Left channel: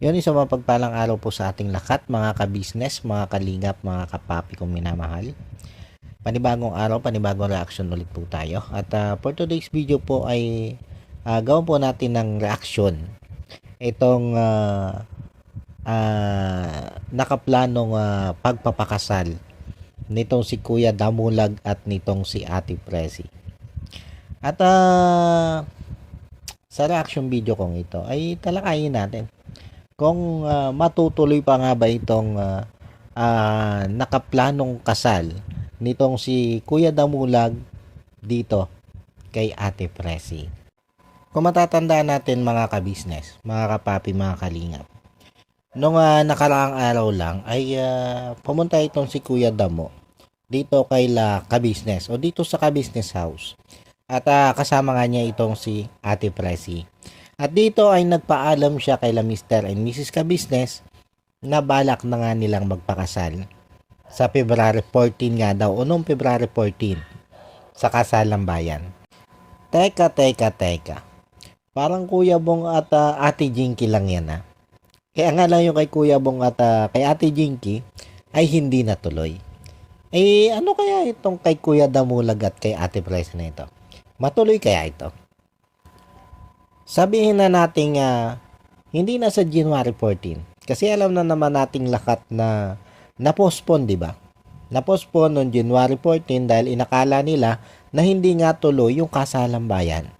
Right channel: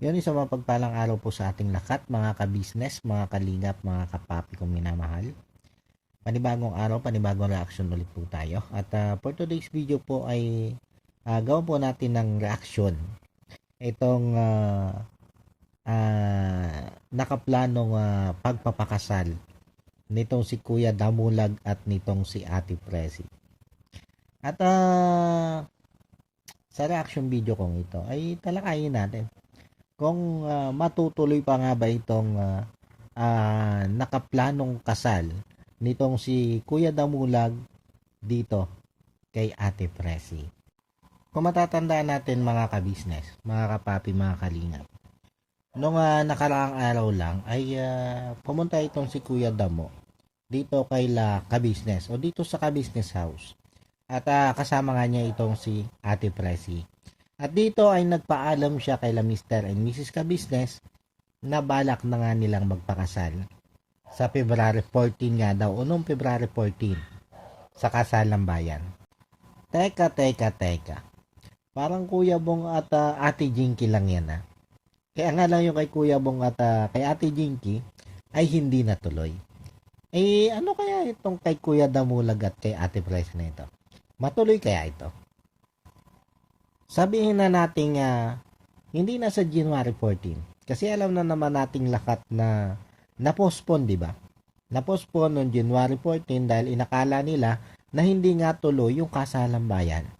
Yun, isang mapagpalang araw po sa ating lahat, mga ka-business, mga kalingap, mga kapapi kong minamahal. Panibagong araw, panibagong reaction ulit po tayo. At for today's video po ay gawin po natin ng reaction. Itong nakaplanong pagpapakasal nitong si Kuya Damulag at nitong si Ate Presi. At sa reaction video kong ito ay talakayin natin kung matutuloy pa nga ba itong nakaplanong kasal nitong si Kuya Damulag dito kay Ate Presi. Kung matatandaan natin mga ka-business, mga kapapi, mga kalingap, nung nakaraang araw lang ay pumunta itong si Kuya Damo dito kay la ka-business o dito sa ka-business house. At kasama nga niya itong si Ate Presi. At dito ay nagpaalam siya kay la Mr. and Mrs. Ka-business na balak na nga nilang magpakasal sa February 14 nga daw o noong February 14 sa kasalang bayan. Teka. Parang Kuya Bong at Ate Jinky lang yan ha. Kaya nga lang yung kay Kuya Bong at kay Ate Jinky ay hindi natuloy. Eh ano kaya itong kay Kuya Damulag at kay Ate Presi na ito? Matuloy kaya ito? Sabihin na nating hindi na sa January 14. Kasi alam na naman nating lahat na na-postpone, di ba? Na-postpone noong January 14 dahil inakala nila na hindi nga tuloy yung kasalang bayan.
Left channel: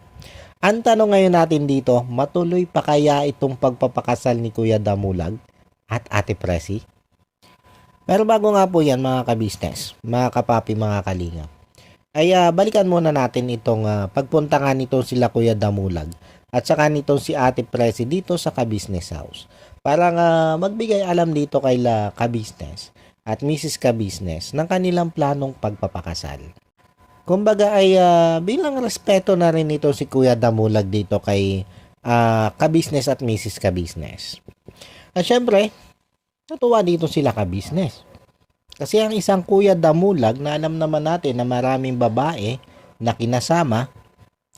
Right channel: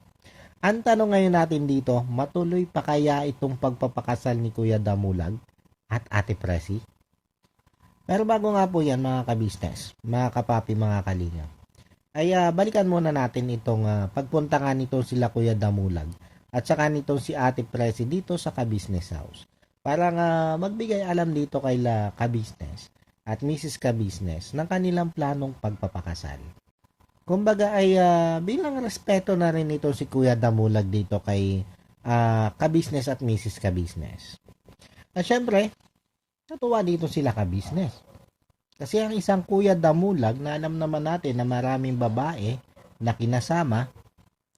Ang tanong ngayon natin dito, matuloy pa kaya itong pagpapakasal ni Kuya Damulag at Ate Presi? Pero bago nga po yan mga ka-business, mga kapapi, mga kalinga, ay balikan muna natin itong pagpunta nga nito sila Kuya Damulag at saka nitong si Ate Presi dito sa ka-business house. Para magbigay alam dito kay la ka-business at Mrs. Ka-business ng kanilang planong pagpapakasal. Kumbaga ay bilang respeto na rin ito si Kuya Damulag dito kay ka-business at Mrs. Ka-business. At syempre, natuwa dito sila ka-business. Kasi ang isang Kuya Damulag na alam naman natin na maraming babae na kinasama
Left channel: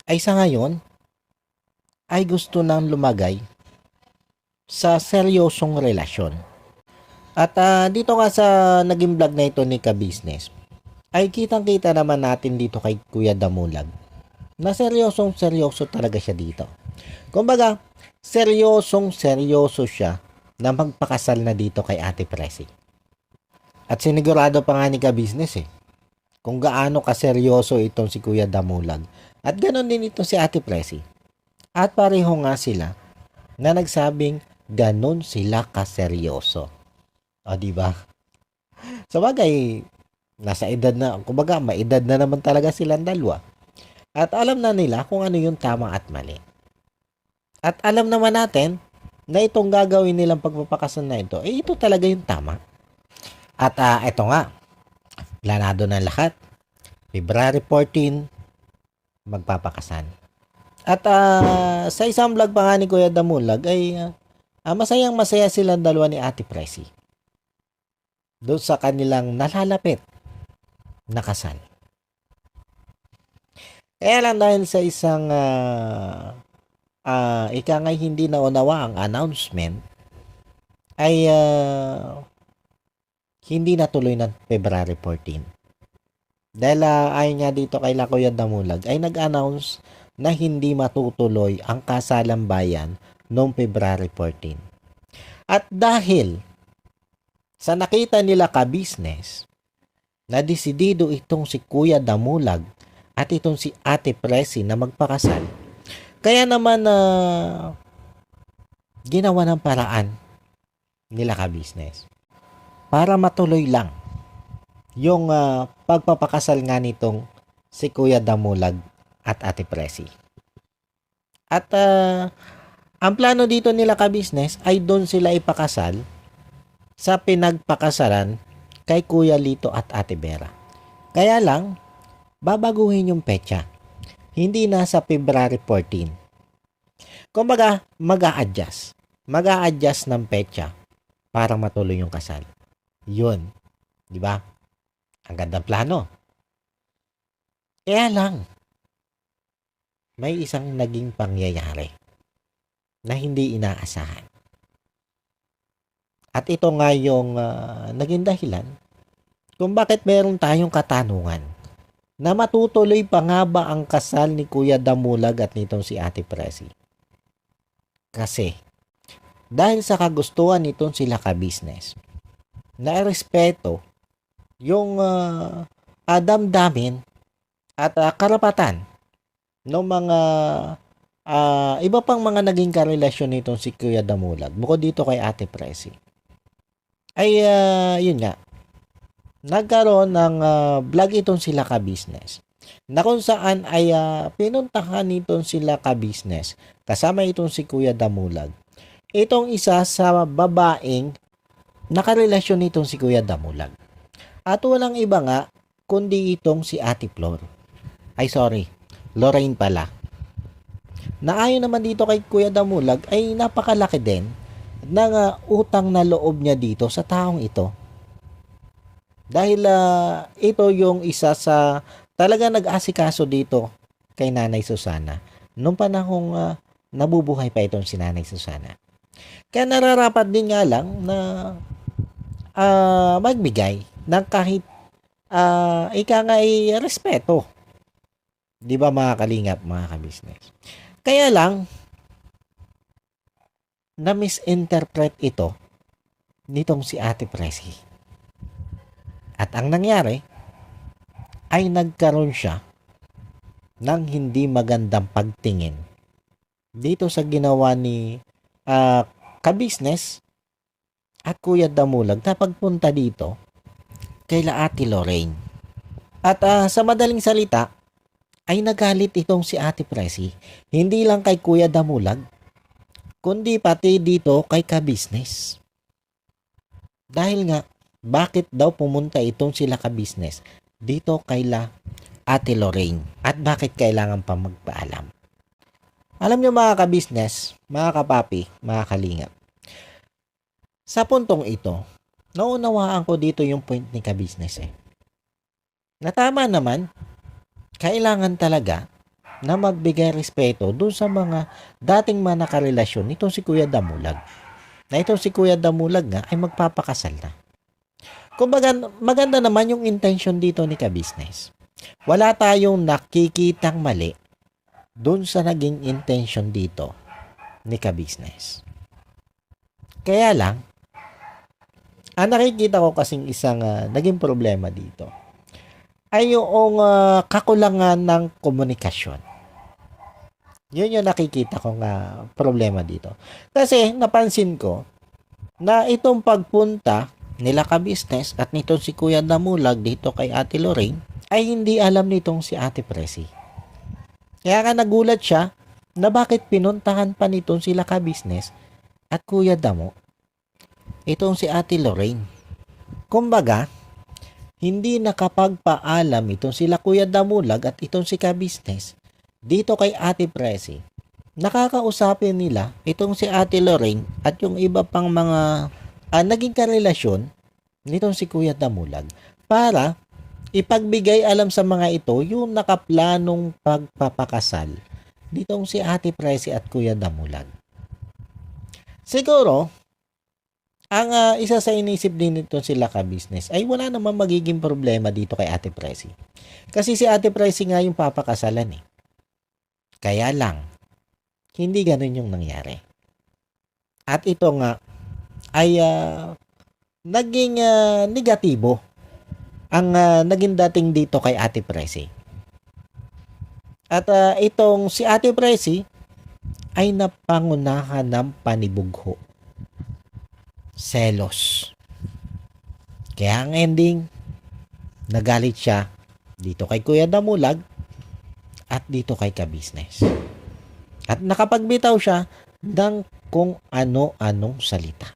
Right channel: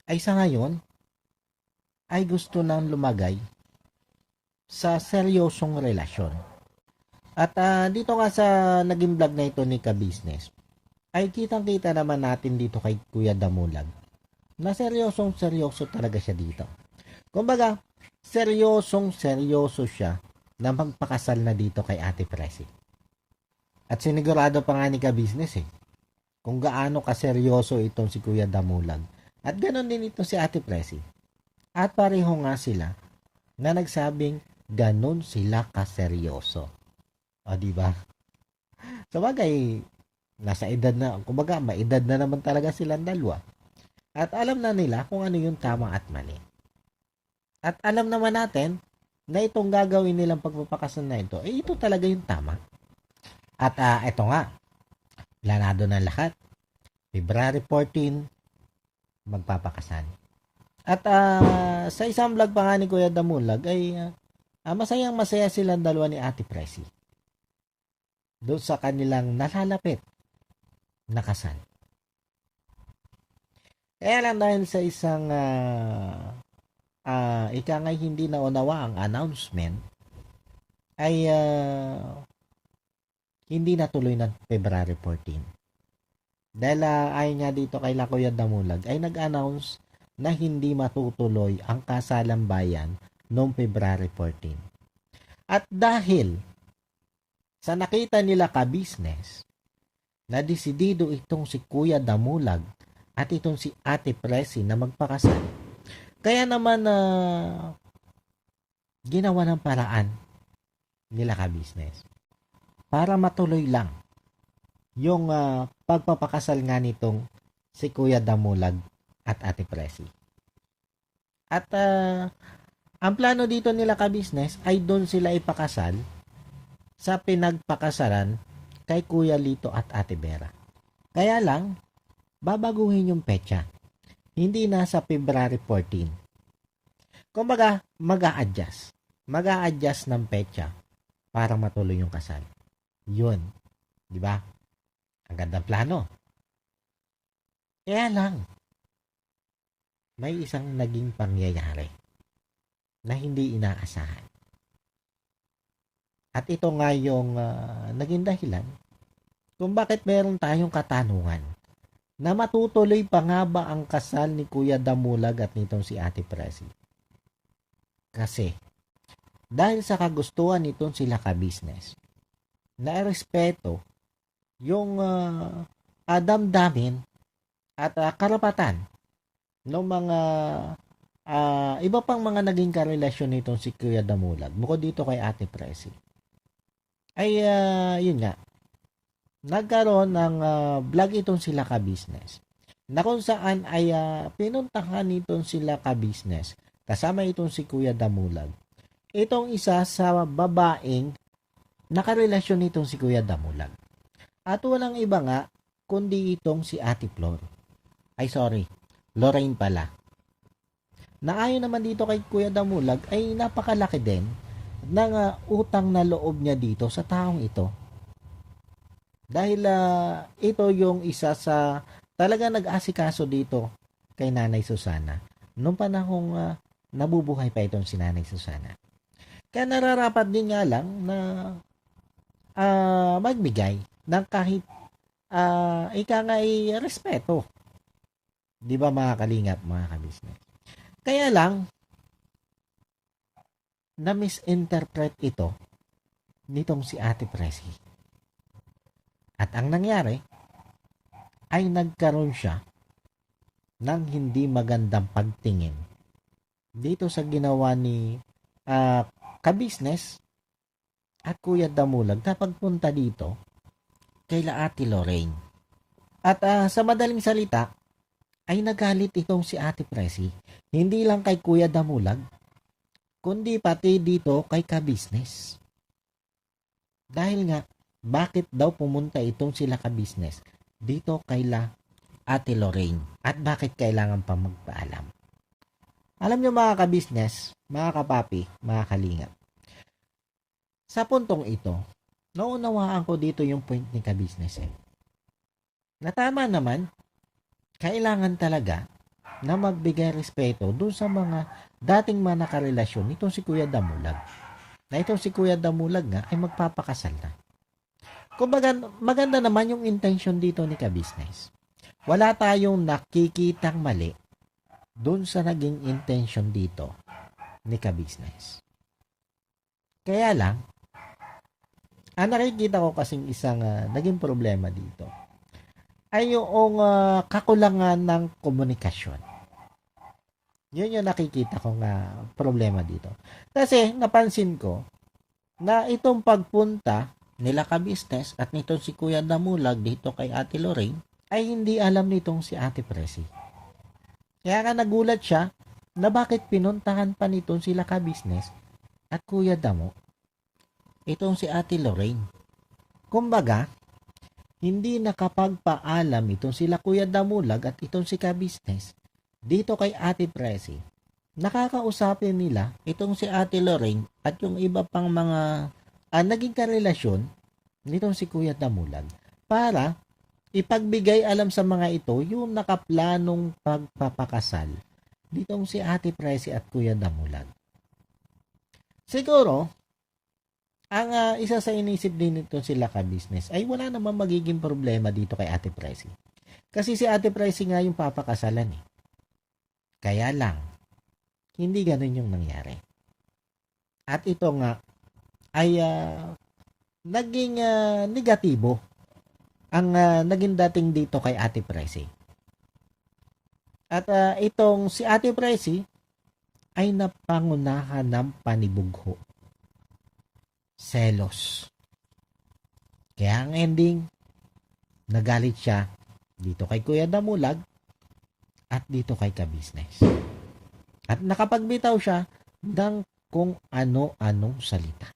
ay sa ngayon ay gusto nang lumagay sa seryosong relasyon. At dito nga sa naging vlog na ito ni ka-business ay kitang-kita naman natin dito kay Kuya Damulag na seryoso talaga siya dito. Kumbaga, seryoso siya na magpakasal na dito kay Ate Presi. At sinigurado pa nga ni ka-business kung gaano kaseryoso itong si Kuya Damulag. At ganoon din ito si Ate Presi. At pareho nga sila na nagsabing ganon sila kaseryoso. O diba? So bagay, nasa edad na, kumbaga maedad na naman talaga silang dalawa. At alam na nila kung ano yung tama at mali. At alam naman natin na itong gagawin nilang pagpapakasal na ito, ito talaga yung tama. At ito nga, planado na lahat. February 14, magpapakasal. At sa isang vlog pa nga ni Kuya Damulag ay masayang masaya silang dalawa ni Ate Presi doon sa kanilang nalalapit na kasal. Kaya lang dahil sa isang ika nga hindi naunawa ang announcement ay hindi natuloy ng February 14. Dahil ayon nga dito kay Kuya Damulag ay nag-announce na hindi matutuloy ang kasalang bayan noong February 14. At dahil sa nakita nila ka-business na desidido itong si Kuya Damulag at itong si Ate Presi na magpakasal, kaya naman ginawa ng paraan nila ka-business para matuloy lang yung pagpapakasal nga nitong si Kuya Damulag at Ate Presi. At ang plano dito nila ka-business ay doon sila ipakasal sa pinagpakasalan kay Kuya Lito at Ate Vera. Kaya lang, babaguhin yung petsa. Hindi na sa February 14. Kumbaga, mag-a-adjust. Mag-a-adjust ng petsa para matuloy yung kasal. Yun. Di ba? Ang gandang plano. Kaya lang, may isang naging pangyayari na hindi inaasahan. At ito nga yung naging dahilan kung bakit meron tayong katanungan na matutuloy pa nga ba ang kasal ni Kuya Damulag at nitong si Ate Presi. Kasi dahil sa kagustuhan nitong sila ka-business na respeto yung damdamin at karapatan ng mga iba pang mga naging karelasyon nitong si Kuya Damulag bukod dito kay Ate Presi ay yun nga nagkaroon ng vlog itong sila ka-business na kung saan ay pinuntahan nitong sila ka-business kasama itong si Kuya Damulag itong isa sa babaeng nakarelasyon nitong si Kuya Damulag at walang iba nga kundi itong si Ate Flor Lorraine pala na ayon naman dito kay Kuya Damulag ay napakalaki din ng utang na loob niya dito sa taong ito. Dahil ito yung isa sa talaga nag-asikaso dito kay Nanay Susana. Nung panahong nabubuhay pa itong si Nanay Susana. Kaya nararapat din nga lang na magbigay ng kahit ika nga ay respeto. Di ba mga kalingap, mga ka-business? Kaya lang, na-misinterpret ito nitong si Ate Presi. At ang nangyari, ay nagkaroon siya ng hindi magandang pagtingin dito sa ginawa ni ka-business at Kuya Damulag na pagpunta dito kay Ate Lorraine. At sa madaling salita, ay nagalit itong si Ate Presi. Hindi lang kay Kuya Damulag, kundi pati dito kay ka-business. Dahil nga, bakit daw pumunta itong sila ka-business dito kay Ate Lorraine? At bakit kailangan pa magpaalam? Alam nyo mga ka-business, mga kapapi, mga kalingap. Sa puntong ito, naunawaan ko dito yung point ni ka-business na tama naman, kailangan talaga na magbigay respeto doon sa mga dating manakarelasyon nitong si Kuya Damulag. Na itong si Kuya Damulag nga ay magpapakasal na. Kumbaga, maganda naman yung intention dito ni ka-business. Wala tayong nakikitang mali doon sa naging intention dito ni ka-business. Kaya lang, ang nakikita ko kasing isang naging problema dito ay yung kakulangan ng komunikasyon. Yun yung nakikita kong problema dito. Kasi napansin ko na itong pagpunta nila ka-business at nitong si Kuya Damulag dito kay Ate Lorraine ay hindi alam nitong si Ate Presi. Kaya nga nagulat siya na bakit pinuntahan pa nitong sila ka-business at Kuya Damo itong si Ate Lorraine. Kumbaga, hindi nakapagpaalam itong sila Kuya Damulag at itong si ka-business dito kay Ate Presi. Nakakausapin nila itong si Ate Lorraine at yung iba pang mga naging karelasyon nitong si Kuya Damulag para ipagbigay alam sa mga ito yung nakaplanong pagpapakasal nitong si Ate Presi at Kuya Damulag. Siguro, ang isa sa inisip din nito sila ka-business ay wala namang magiging problema dito kay Ate Presi. Kasi si Ate Presi nga yung papakasalan eh. Kaya lang, hindi ganun yung nangyari. At ito nga ay naging negatibo ang naging dating dito kay Ate Presi. At itong si Ate Presi ay napangunahan ng panibugho. Selos. Kaya ang ending, nagalit siya dito kay Kuya Damulag at dito kay ka-business. At nakapagbitaw siya ng kung ano-anong salita.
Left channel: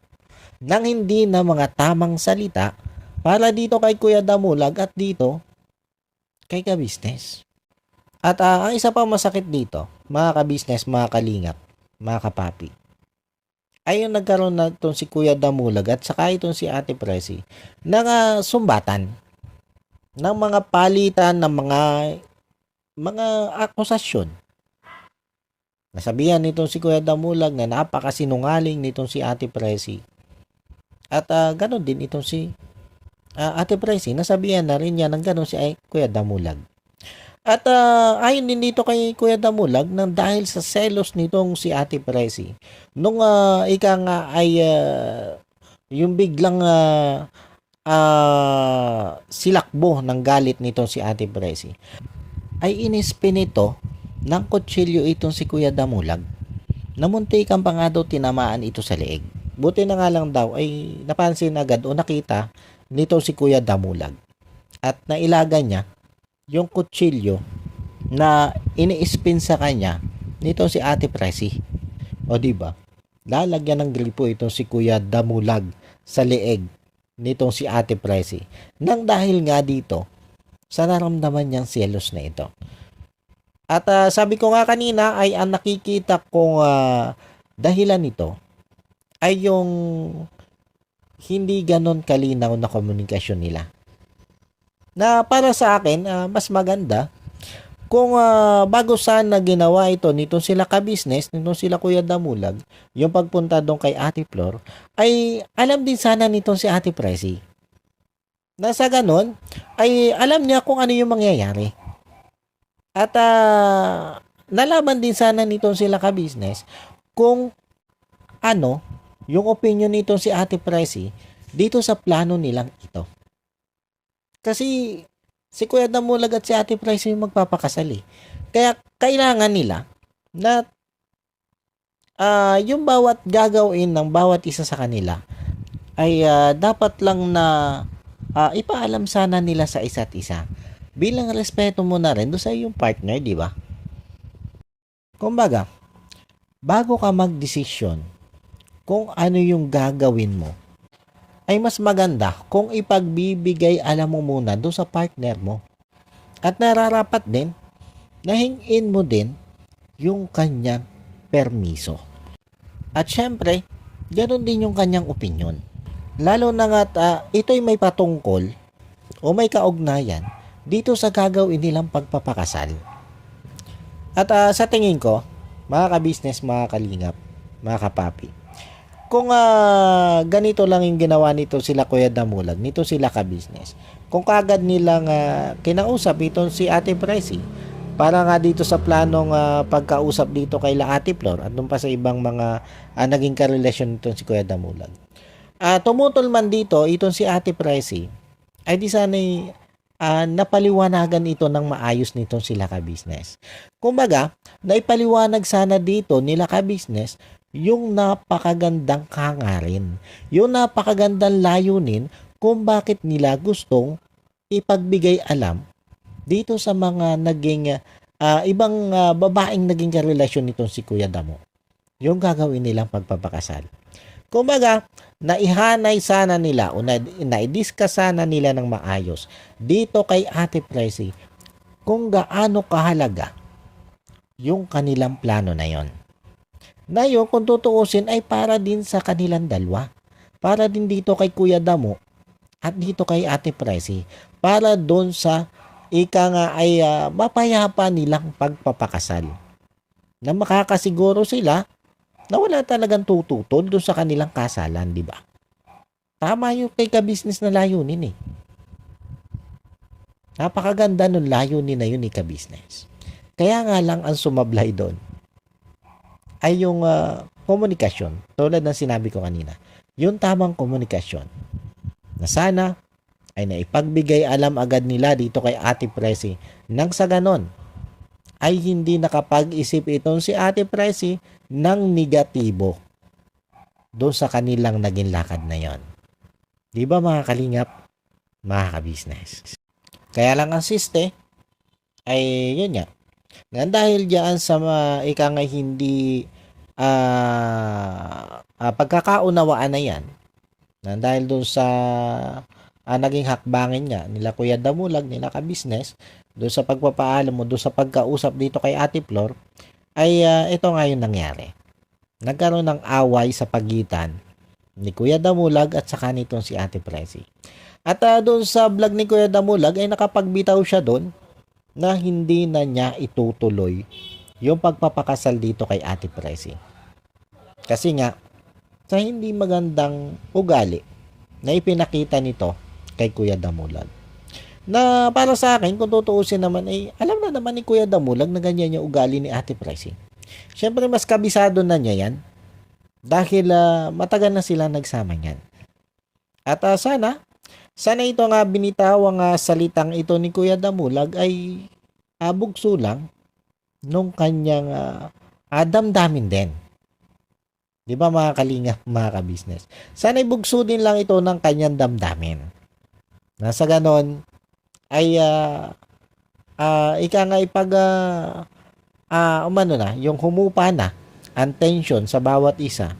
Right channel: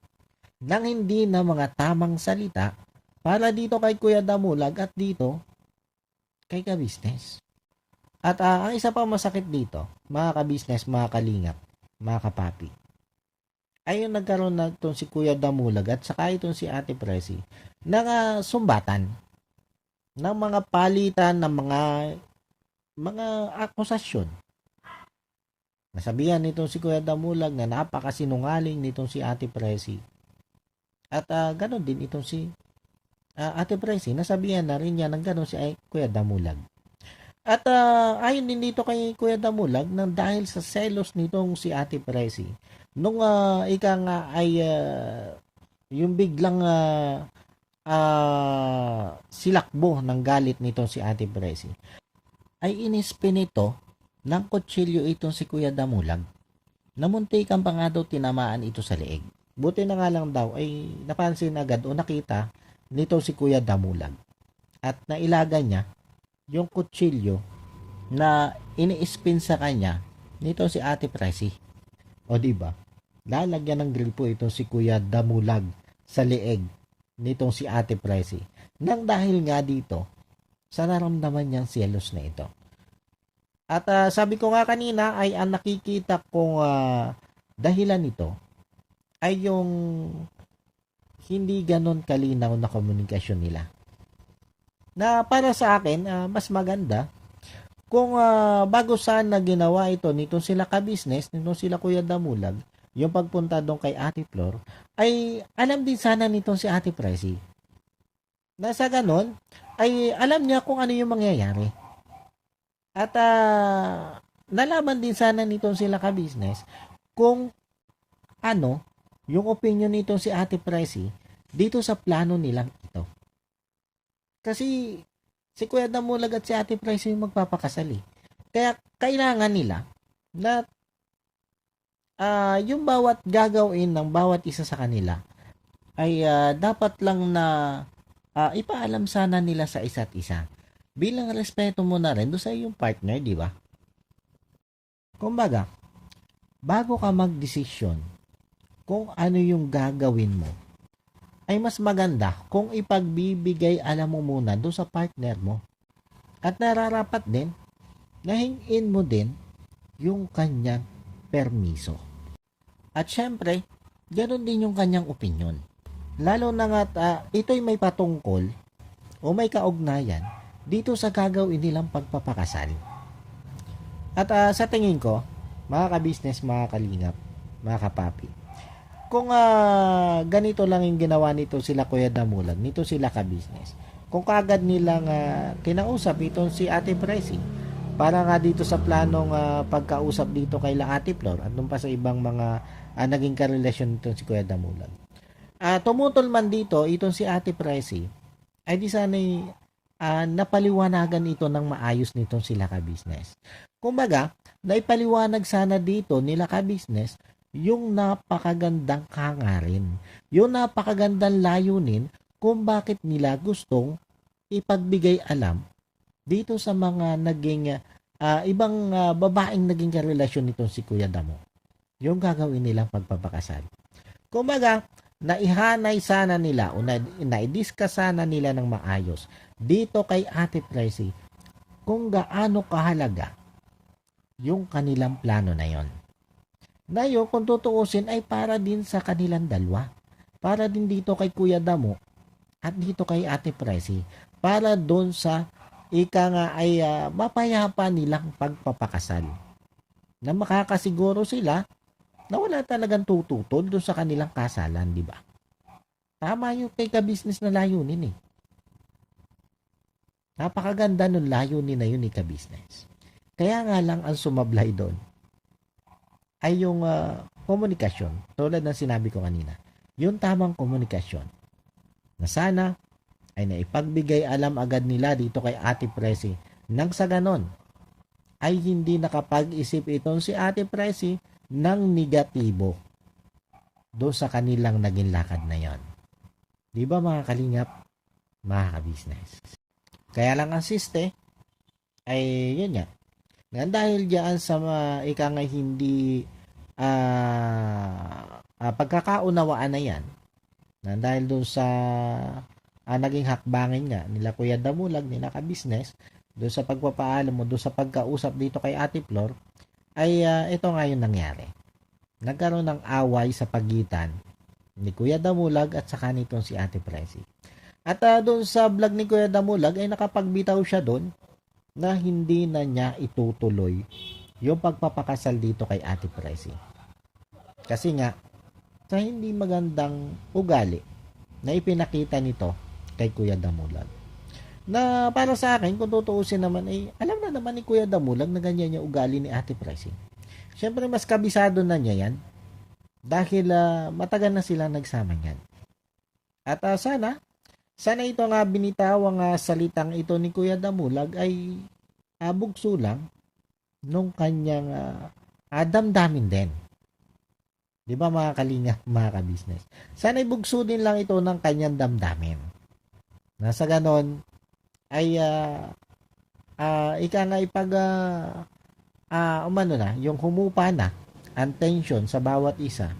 Nang hindi na mga tamang salita para dito kay Kuya Damulag at dito kay ka-business. At ang isa pa masakit dito, mga ka-business, mga kalingap, mga kapapi, ay yung nagkaroon na itong si Kuya Damulag at saka itong si Ate Presi ng sumbatan ng mga palitan ng mga akusasyon. Nasabihan nitong si Kuya Damulag na napakasinungaling nitong si Ate Presi At ganon din itong si Ate Pricey, nasabihan na rin niya ng ganon si Kuya Damulag. At ayon din dito kay Kuya Damulag nang dahil sa selos nitong si Ate Pricey, nung ika nga ay yung biglang silakbo ng galit nitong si Ate Pricey, ay inispin ito ng kutsilyo itong si Kuya Damulag. Namuntikan pa nga daw tinamaan ito sa leeg. Buti na nga lang daw ay napansin agad o nakita nitong si Kuya Damulag. At nailaga niya yung kutsilyo na ini-spin sa kanya nitong si Ate Presi. O di ba? Lalagyan ng gripo itong si Kuya Damulag sa leeg nitong si Ate Presi. Nang dahil nga dito sa naramdaman niyang selos na ito. At sabi ko nga kanina ay ang nakikita kong dahilan nito ay yung hindi ganon kalinaw na komunikasyon nila. Na para sa akin, mas maganda kung bago sana ginawa ito nitong sila ka-business, nitong sila Kuya Damulag, yung pagpunta doon kay Ate Flor, ay alam din sana nitong si Ate Presi. Na sa ganon, ay alam niya kung ano yung mangyayari. At nalaman din sana nitong sila ka-business kung ano yung opinion nitong si Ate Presi dito sa plano nilang ito. Kasi si Kuya Damulag at si Ate Presi yung magpapakasal eh. Kaya kailangan nila na yung bawat gagawin ng bawat isa sa kanila ay dapat lang na ipaalam sana nila sa isa't isa. Bilang respeto mo na rin doon sa iyong partner, di ba? Kumbaga, bago ka magdesisyon kung ano yung gagawin mo, ay mas maganda kung ipagbibigay alam mo muna doon sa partner mo. At nararapat din na hingin mo din yung kanyang permiso. At syempre, ganoon din yung kanyang opinion. Lalo na nga ito'y may patungkol o may kaugnayan dito sa gagawin nilang pagpapakasal. At sa tingin ko, mga ka-business, mga kalingap, mga kapapi, kung ganito lang yung ginawa nito sila Kuya Damulag, nito sila ka-business, kung kagad nilang kinausap itong si Ate Presi, para nga dito sa planong pagkausap dito kay la Ate Flor at doon pa sa ibang mga naging karelasyon nitong si Kuya Damulag. Tumutol man dito itong si Ate Presi, ay di sana'y napaliwanagan ito ng maayos nitong sila ka-business. Kumbaga, naipaliwanag sana dito nila ka-business yung napakagandang hangarin, yung napakagandang layunin kung bakit nila gustong ipagbigay alam dito sa mga naging ibang babaeng naging karelasyon nitong si Kuya Damo. Yung gagawin nilang pagpapakasal. Kumbaga, naihanay sana nila o na-discuss sana nila ng maayos dito kay Ate Presi kung gaano kahalaga yung kanilang plano na yon. Na yun, kung tutuusin, ay para din sa kanilang dalawa. Para din dito kay Kuya Damo at dito kay Ate Presi. Para doon sa ika nga ay mapayapa nilang pagpapakasal. Na makakasiguro sila na wala talagang tututol doon sa kanilang kasalan, di ba? Tama yung kay ka-business na layunin eh. Napakaganda nun layunin na yun ni ka-business. Kaya nga lang ang sumablay doon ay yung komunikasyon. Tulad ng sinabi ko kanina. Yung tamang komunikasyon. Na sana ay naipagbigay alam agad nila dito kay Ate Presi. Nang sa ganon, ay hindi nakapag-isip itong si Ate Presi ng negatibo doon sa kanilang naging lakad na yon. Di ba mga kalingap, mga ka-business? Kaya lang ang siste, ay yun nga. Nga dahil diyan sa ika nga hindi pagkakaunawaan na yan, na dahil doon sa naging hakbangin nga nila Kuya Damulag, nila ka-business, doon sa pagpapaalam mo, doon sa pagkausap dito kay Ate Flor, ay ito nga yung nangyari. Nagkaroon ng away sa pagitan ni Kuya Damulag at saka nitong si Ate Presi. At doon sa vlog ni Kuya Damulag ay nakapagbitaw siya doon na hindi na niya itutuloy yung pagpapakasal dito kay Ate Presi. Kasi nga, sa hindi magandang ugali na ipinakita nito kay Kuya Damulag. Na para sa akin, kung tutuusin naman, ay alam na naman ni Kuya Damulag na ganyan yung ugali ni Ate Presi. Siyempre, mas kabisado na niya yan dahil matagal na sila nagsama niyan. At sana ito nga binitawang salitang ito ni Kuya Damulag ay bugso lang nung kanyang damdamin din. Di ba mga kalinga, mga ka-business? Sana ibugso din lang ito ng kanyang damdamin. Nasa ganon, ay ika nga ipag yung humupa na ang tension sa bawat isa.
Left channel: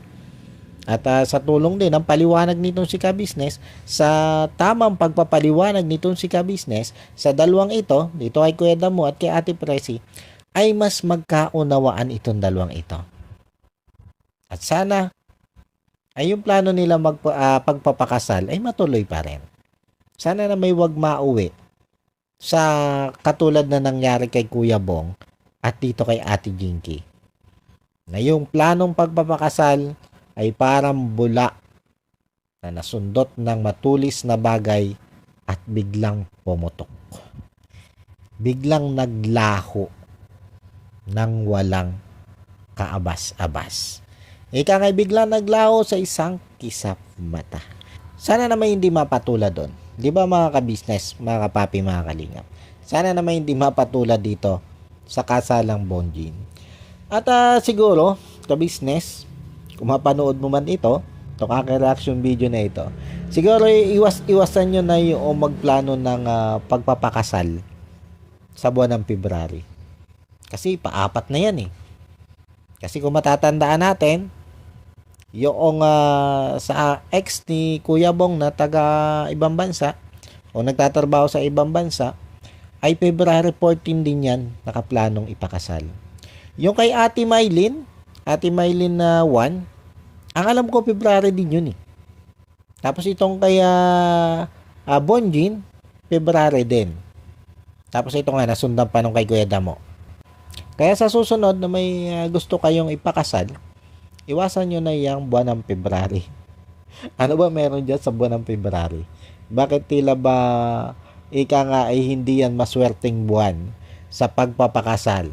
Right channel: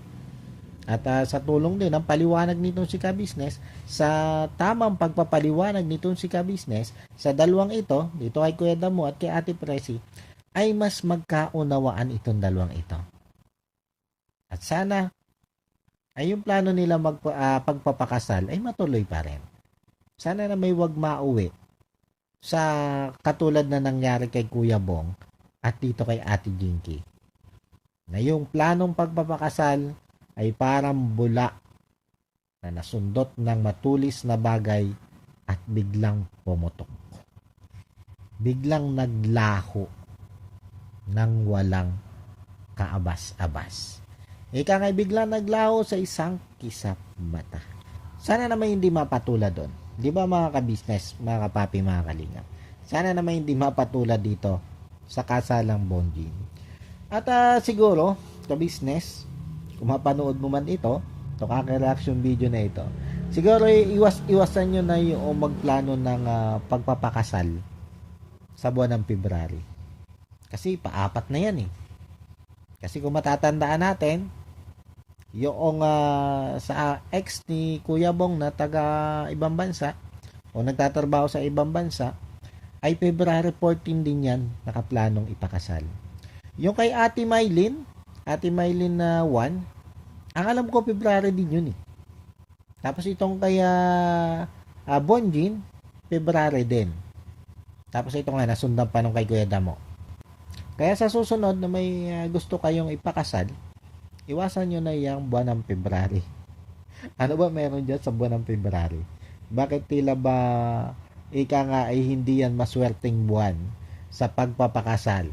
At sa tulong din ng paliwanag nitong si ka-business, sa tamang pagpapaliwanag nitong si ka-business, sa dalawang ito, dito kay Kuya Damo at kay Ate Presi, ay mas magkaunawaan itong dalawang ito. At sana ay yung plano nila pagpapakasal ay matuloy pa rin. Sana na may wag mauwi sa katulad na nangyari kay Kuya Bong at dito kay Ate Jinky. Na yung planong pagpapakasal ay parang bula na nasundot ng matulis na bagay at biglang pumutok. Biglang naglaho ng walang kaabas-abas. Ika nga biglang naglaho sa isang kisap mata. Sana naman hindi mapatulad doon. Di ba mga ka-business, mga kapapi, mga kalinga? Sana naman hindi mapatulad dito sa kasalang Bonjin. At siguro, ka-business, kung mapanood mo man ito, itong aking reaction video na ito, siguro iwasan nyo na yung magplano ng pagpapakasal sa buwan ng February. Kasi paapat na yan eh. Kasi kung matatandaan natin, yung sa ex ni Kuya Bong na taga ibang bansa o nagtatrabaho sa ibang bansa, ay February 14 din yan nakaplanong ipakasal. Yung kay Ate Mylene na 1, ang alam ko February din yun eh. Tapos itong kay Bonjin, February din. Tapos ito nga nasundan pa nung kay Kuya Damo. Kaya sa susunod na may gusto kayong ipakasal, iwasan nyo na yung buwan ng February. Ano ba meron dyan sa buwan ng February? Bakit tila ba ika nga ay hindi yan maswerteng buwan sa pagpapakasal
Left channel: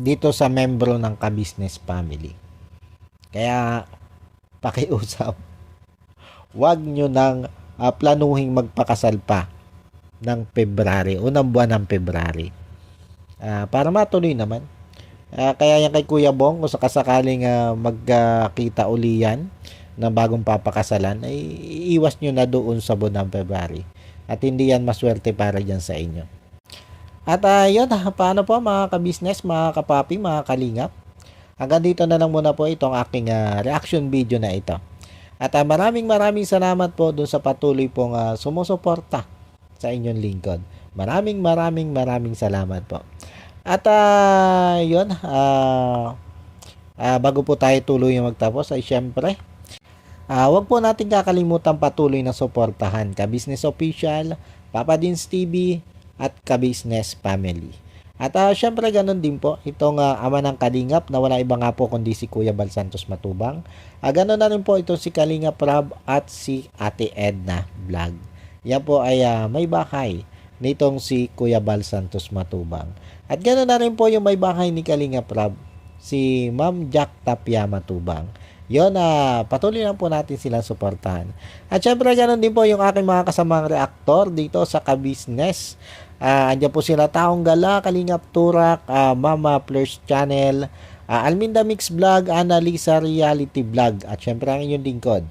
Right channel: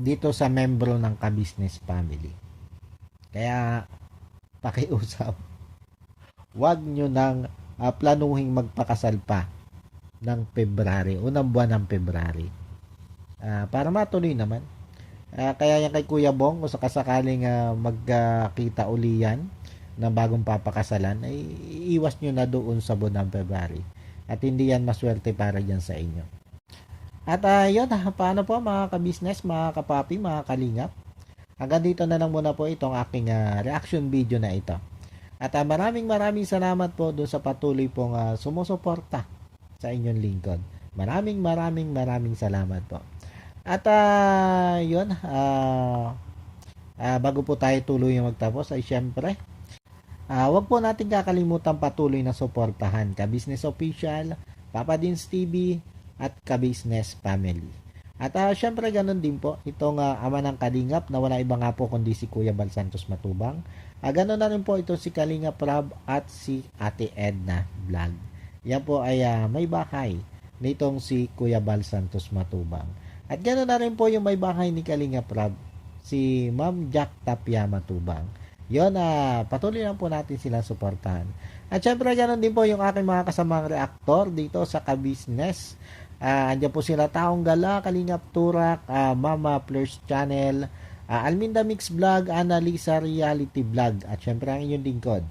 dito sa membro ng ka-business family? Kaya pakiusap, wag nyo nang planuhing magpakasal pa ng February, unang buwan ng February. Para matuloy naman. Kaya yan kay Kuya Bong, kung sakasakaling magkita uli yan ng bagong papakasalan, ay iiwas nyo na doon sa buwan ng February. At hindi yan maswerte para dyan sa inyo. At yun, paano po mga ka-business, mga kapapi, mga kalingap? Hanggang dito na lang muna po itong aking reaction video na ito. At maraming salamat po doon sa patuloy pong sumusuporta sa inyong lingkod. Maraming salamat po. At yun, bago po tayo tuloy magtapos ay syempre, wag po natin kakalimutan patuloy na suportahan ka-business official, Papa Dins TV at ka-business family. At syempre ganun din po itong ama ng Kalingap na wala iba nga po kundi si Kuya Bal Santos Matubang. Ganun na rin po ito si Kalingap Rob at si Ate Edna Vlog. Yan po ay may bahay nitong si Kuya Bal Santos Matubang. At ganoon na rin po yung may bahay ni Kalingap Rob, si Ma'am Jack Tapia Matubang. Yun, patuloy lang po natin silang suportahan. At syempre ganoon din po yung aking mga kasamang reaktor dito sa ka-business. Andiyan po sila Taong Gala, Kalingap Turak, Mama Fleurs Channel, Alminda Mix Vlog, Annalisa Reality Vlog, at syempre ang inyong lingkod,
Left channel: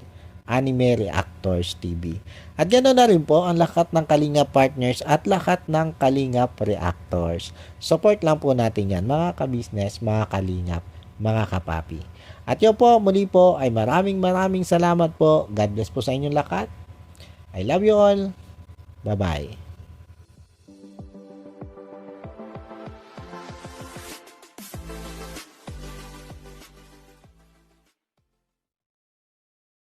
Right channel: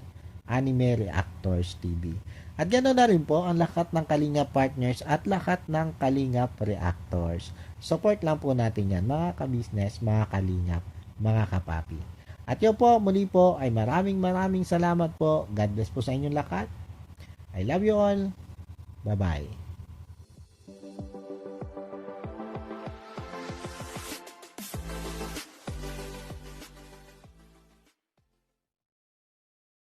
Anime Reactors TV. At ganoon na rin po ang lahat ng Kalingap Partners at lahat ng Kalingap Reactors. Support lang po natin yan mga ka-business, mga Kalingap, mga kapapi. At yun po, muli po ay maraming salamat po. God bless po sa inyong lahat. I love you all. Bye-bye.